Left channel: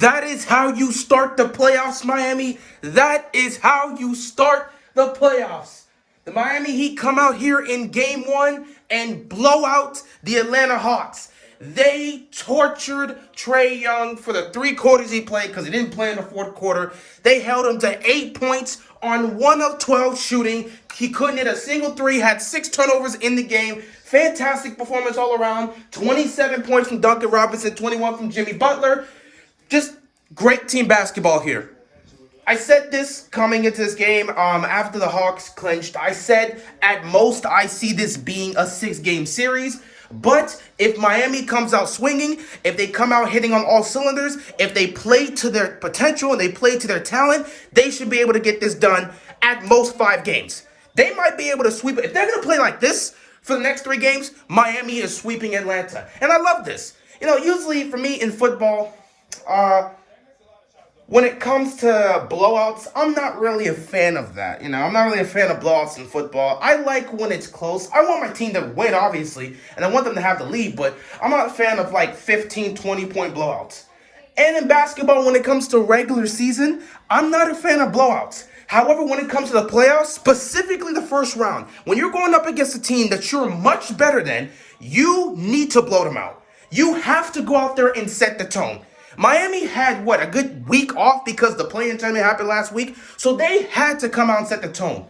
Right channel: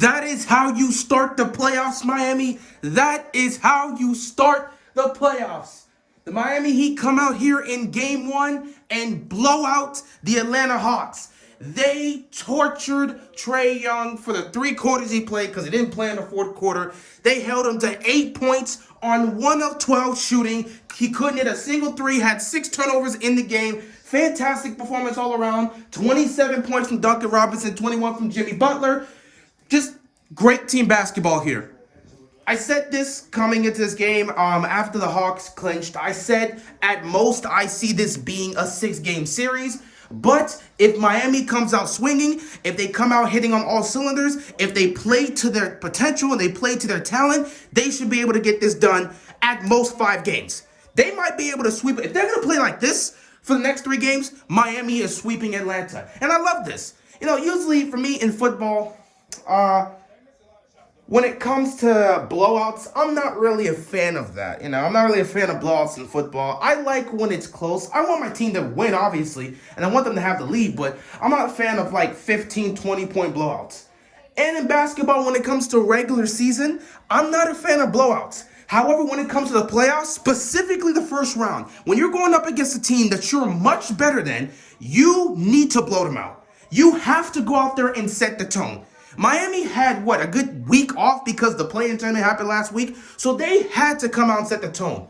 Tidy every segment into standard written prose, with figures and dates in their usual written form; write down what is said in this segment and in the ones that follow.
That is how you start the playoffs, Miami. That is how you start the playoffs. The Miami Heat come out here in game one and blow out the Atlanta Hawks. They tortured Trae Young for the 3 quarters he played because he didn't play in the fourth quarter. They held him to 8 points on 1 of 12 shooting. He couldn't hit a single three, had 6 turnovers in the game. Fantastic performance all around. 27 points from Duncan Robinson, 21 from Jimmy Butler. Just great team basketball here. I said this coming into this game after the Hawks clinched. I said at most I see this being a 6-game series. But if Miami comes out swinging, if they come out hitting on all cylinders, if they play to their potential and they play to their talent, they should be able to get this done at most 5 games. They might be able to sweep it. If they're going to play like this for the next 3 games, Miami is sweeping Atlanta. And I love this. You know, usually for me in football, when it comes to blowouts, I'm not really a fan of that. I'm not really a fan of blowouts in football. I like when it's close. I want my team to win, obviously, and I want them to have the lead, but I'm not a fan of like 15, 20-point blowouts. And in basketball, when it comes to regular season, I'm not a fan of blowouts. However, when it comes to the playoffs, specifically the first round, when you're going up against a team that you're much better than, you need to blow them out. You have to go out there and set the tone. Miami had, a good week off because the play-in tournament happened last week. So they had to come out and set the tone.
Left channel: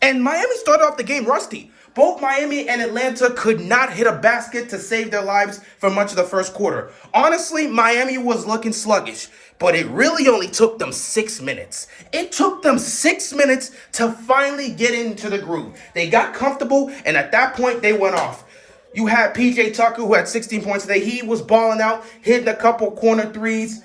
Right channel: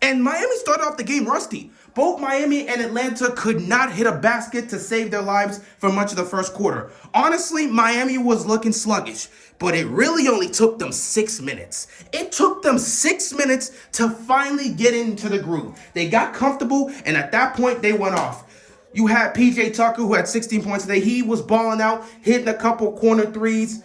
And Miami started off the game rusty. Both Miami and Atlanta could not hit a basket to save their lives for much of the first quarter. Honestly, Miami was looking sluggish, but it really only took them 6 minutes. It took them 6 minutes to finally get into the groove. They got comfortable, and at that point, they went off. You had PJ Tucker, who had 16 points today. He was balling out, hitting a couple corner threes.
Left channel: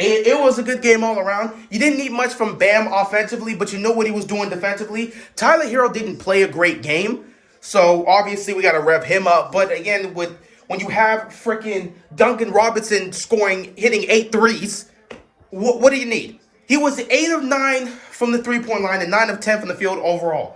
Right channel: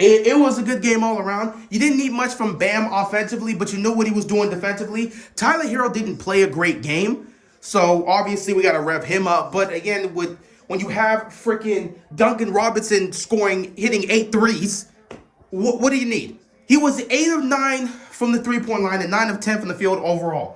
It was a good game all around. You didn't need much from Bam offensively, but you know what he was doing defensively. Tyler Hero didn't play a great game, so obviously we got to rev him up. But again, when you have freaking Duncan Robinson hitting 8 threes, what do you need? He was 8 of 9 from the three-point line and 9 of 10 from the field overall.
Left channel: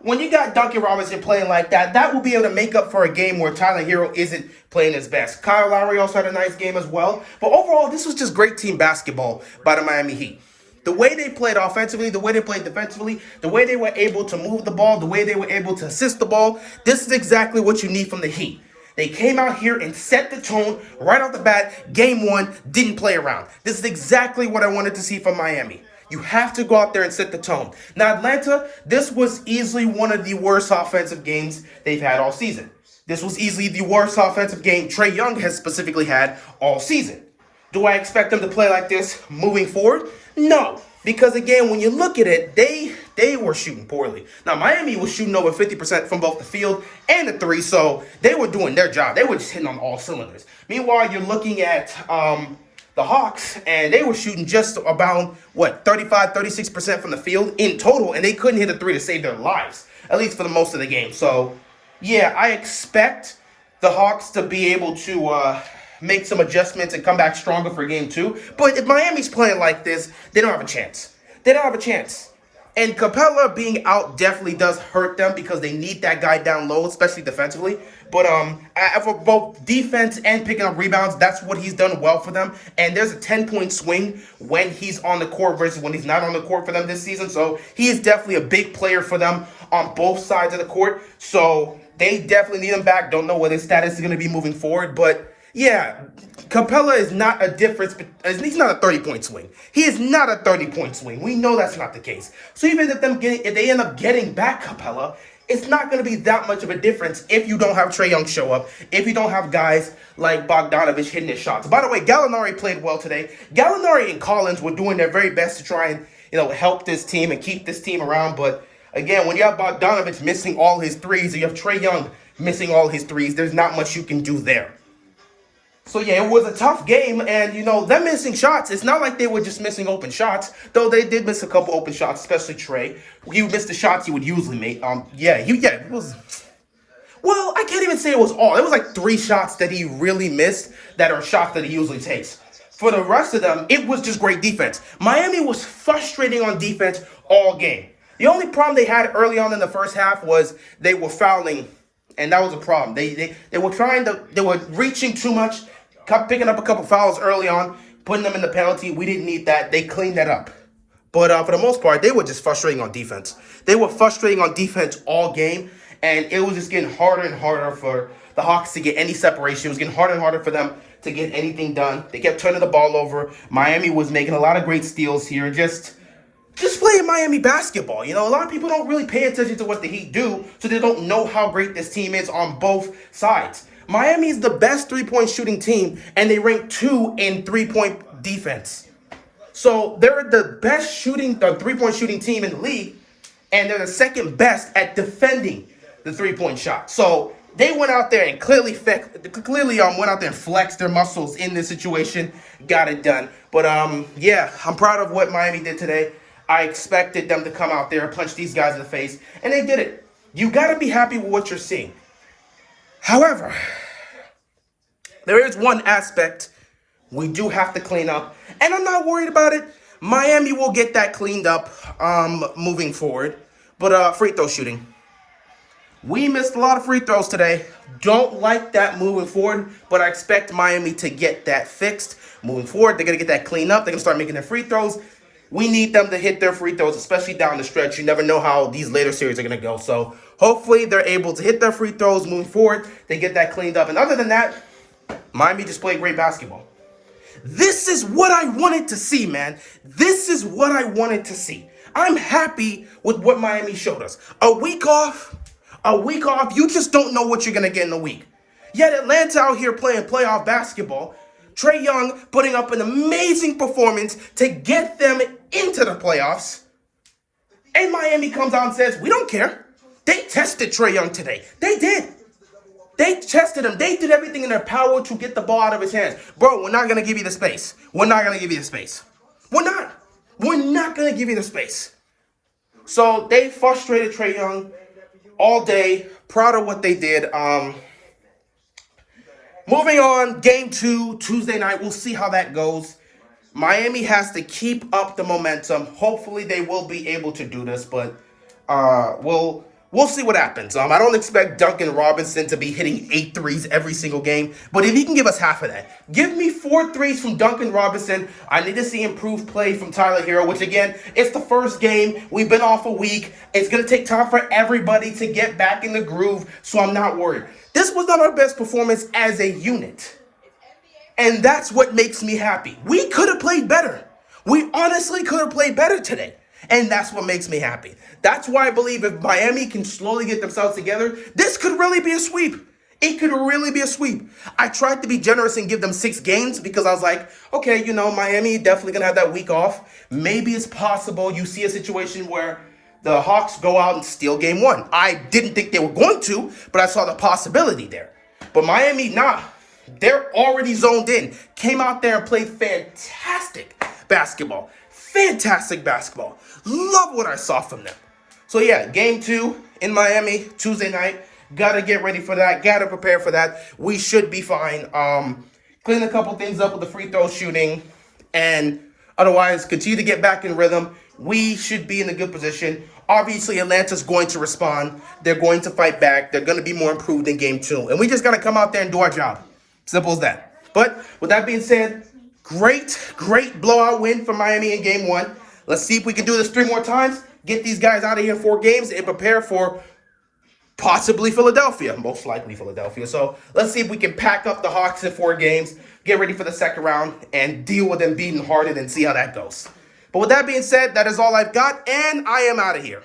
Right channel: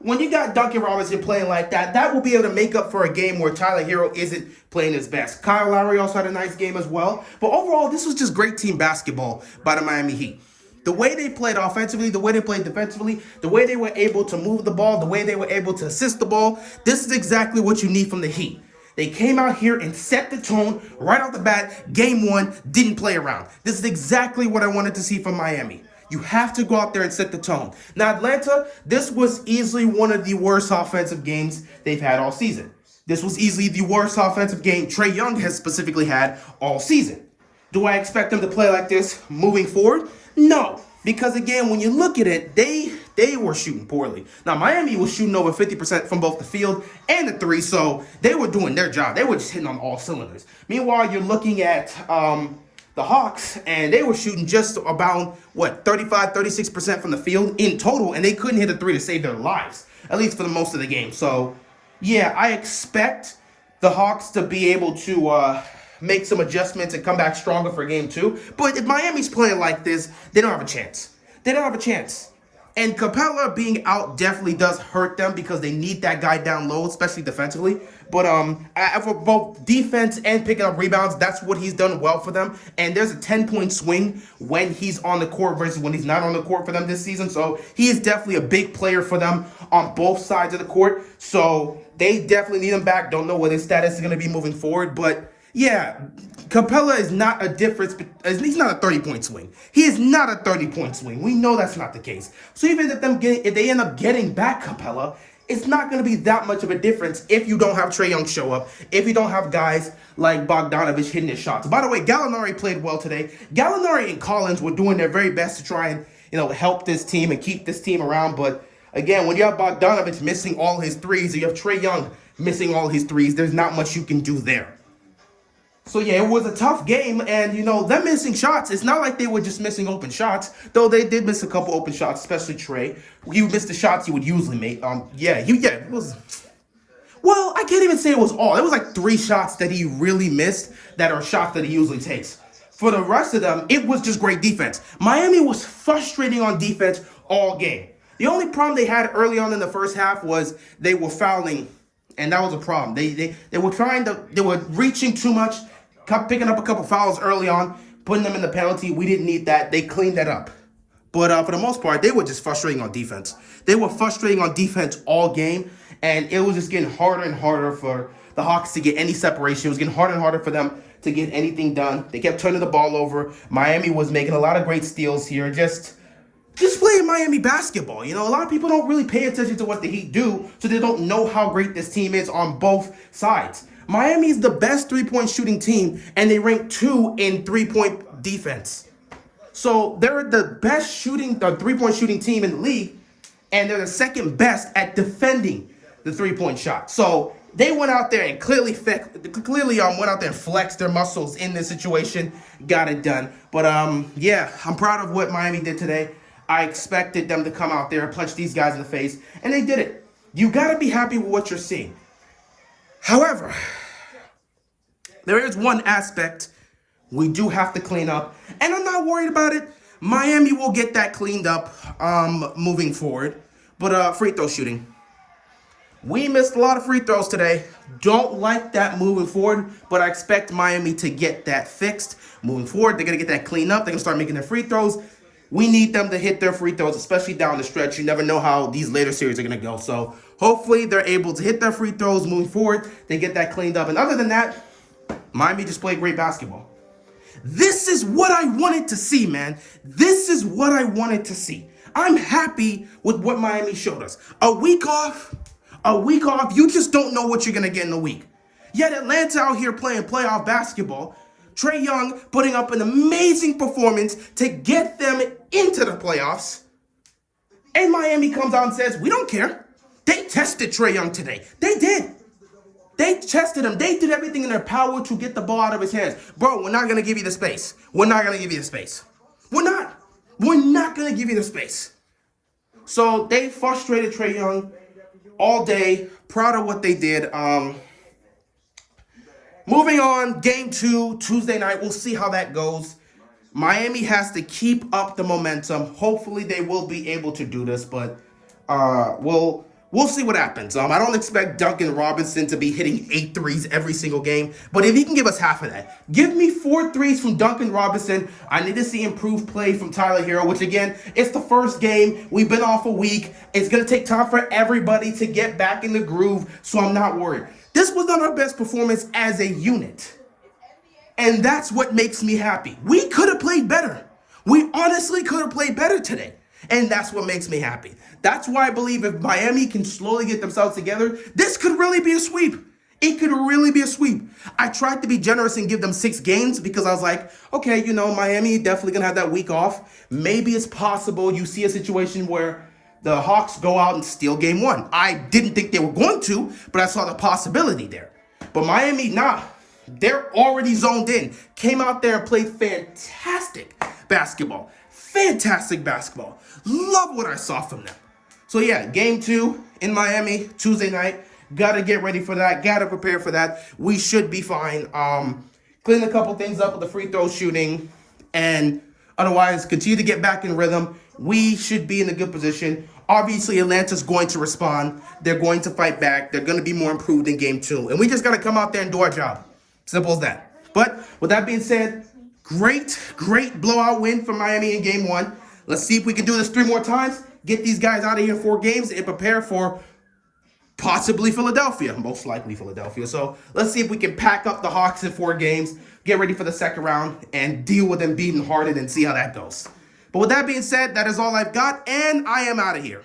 When you got Duncan Robinson playing like that, that will be able to make up for a game where Tyler Hero isn't playing his best. Kyle Lowry also had a nice game as well. But overall, this was just great team basketball by the Miami Heat. The way they played offensively, the way they played defensively, the way they were able to move the ball, the way they were able to assist the ball, this is exactly what you need from the Heat. They came out here and set the tone right off the bat. Game 1, didn't play around. This is exactly what I wanted to see from Miami. You have to go out there and set the tone. Now, Atlanta, this was easily one of the worst offensive games they've had all season. This was easily the worst offensive game Trae Young has specifically had all season. Do I expect them to play like this moving forward? No. Because, again, when you look at it, they were shooting poorly. Now, Miami was shooting over 50% from both the field and the three, so they were doing their job. They were just hitting on all cylinders. Meanwhile, you're looking at the Hawks, and they were shooting just about, 36% from the field in total, and they couldn't hit a 3 to save their lives, at least for the most of the game. So, yeah, I expect the Hawks to be able to make some adjustments and come back stronger for game 2. But if Miami's playing like this, they don't have a chance. They don't have a chance. And Capella being out definitely does hurt them because they need that guy down low, especially defensively. But for both defense and picking up rebounds, that's what he's done well for them. And there's a 10-point swing when he's on the court versus when he's not on the court for them this season. So he is definitely a big player for them on both sides of the court. So they definitely need him back. Don't know what his status is going to be moving forward. But yeah, Capella is not a difference. He's not a 30-point swing. He is not a 30-point swing. We know that's not the case. So even if they end up getting back Capella, it's not going to be that much of a difference if you don't have Trae Young show up, if you don't have guys like Bogdanovich hitting his shots. By the way, Gallinari played well today. Gallinari and Collins were doing their very best to try and help this team and keep this team around. But again, when you have Bogdanovich missing all his threes, or you have Trae Young missing all his threes, there's not much you can do there. So, yeah, it was a tough game, and, them missing shots, it's not like they were just missing open shots, though they did miss a couple open shots, especially Trae. He missed the shots he would usually make. It was... Well, I can't even say it was all. It was like 3 shots that he really missed that are shots that he usually takes. For the rest of them, it was just great defense. Miami was frustrating on defense all game. The only problem they had early on in the first half was they were fouling, and that was a problem. They were reaching too much kept picking up a couple fouls early on, putting them in the penalty. We didn't need that. They cleaned that up. But for the most part, they were just frustrating on defense. They were frustrating on defense all game, and it was just getting harder and harder for the Hawks to get any separation. It was getting harder and harder for them to get anything done. They kept turning the ball over. Miami was making a lot of great steals here. Just playing Miami basketball. You know, a lot of people don't really pay attention to what the Heat do, so they don't know how great this team is on both sides. Miami is the best three-point shooting team, and they rank 2 in three-point defense. So they're the best three-point shooting team in the league, and they're the second best at defending the three-point shot. So they went out there and clearly went out there and flexed their muscles in this situation, got it done. But yeah, I'm proud of what Miami did today. I expected them to come out there and punch these guys in the face, and they did it. You got to be happy with what you're seeing. However, there is one aspect we do have to clean up, and I'm not worried about it. Miami will get that cleaned up moving forward. But free throw shooting. We missed a lot of free throws today. Don't like that moving forward, but I expect Miami to get that fixed. Moving forward, they're going to get that cleaned up. They're going to start making their free throws. We need them to hit their free throws, especially down the stretch. You never know how these later series are going to go. So hopefully they're able to hit their free throws moving forward. They get that cleaned up. And other than that, Miami just played great basketball. This is what I wanted to see, man. This is what I wanted to see. I'm happy with what Miami showed us. A week off, you just don't know what you're going to get in a week. Yet Atlanta out here playing playoff basketball. Trae Young putting up an amazing performance to get them into the playoffs. And Miami comes out and says, we don't care. They tested Trae Young today. They did. They tested him. They did everything in their power to get the ball out of his hands. Bro, we're not going to give you the space. We're not going to give you the space. We're not. We're not going to give you the space. So they frustrated Trae Young all day. Proud of what they did. Moving on, game 2, Tuesday night. We'll see how that goes. Miami has to keep up the momentum. Hopefully they will be able to do this, but we'll see what happens. I don't expect Duncan Robinson to be hitting 8 threes every single game, but if he can give us half of that, give me 4 threes from Duncan Robinson. I need to see improved play from Tyler Hero, which again, it's the first game. We've been off a week. It's going to take time for everybody to get back in the groove, so I'm not worried. This was not our best performance as a unit, and that's what makes me happy. We could have played better. We honestly could have played better today. And that's what makes me happy. That's why I believe if Miami can slowly get themselves together, this could really be a sweep. It could really be a sweep. I tried to be generous and give them 6 games because I was like, okay, you know, Miami definitely going to have that week off. Maybe it's possible you see a situation where the Hawks go out and steal game 1. I didn't think they were going to, but I saw the possibility there. But Miami, nah. They're already zoned in. Came out there and played fantastic basketball. Fantastic basketball. Love what I saw from them. So yeah, game 2 in Miami, Tuesday night. Got to get ready for that. Got to prepare for that. We should be fine. Clean a couple things up with the free throw shooting. And otherwise, continue to get back in rhythm. We should be in a good position. Obviously, Atlanta's going to respond. They're going to fight back. They're going to be more improved in game 2. And we just got to come out there and do our job. Simple as that. But with that being said, great blowout win for Miami in game 1. Let's see if we can do this 3 more times. Get these guys out of here in 4 games and prepare for possibly Philadelphia. Most likely Philadelphia. So let's see if we can pack up the Hawks in 4 games, get ready for the second round, and deal with them beating Harden and see how that goes. But with that being said, that is all I've got, and I am out of here.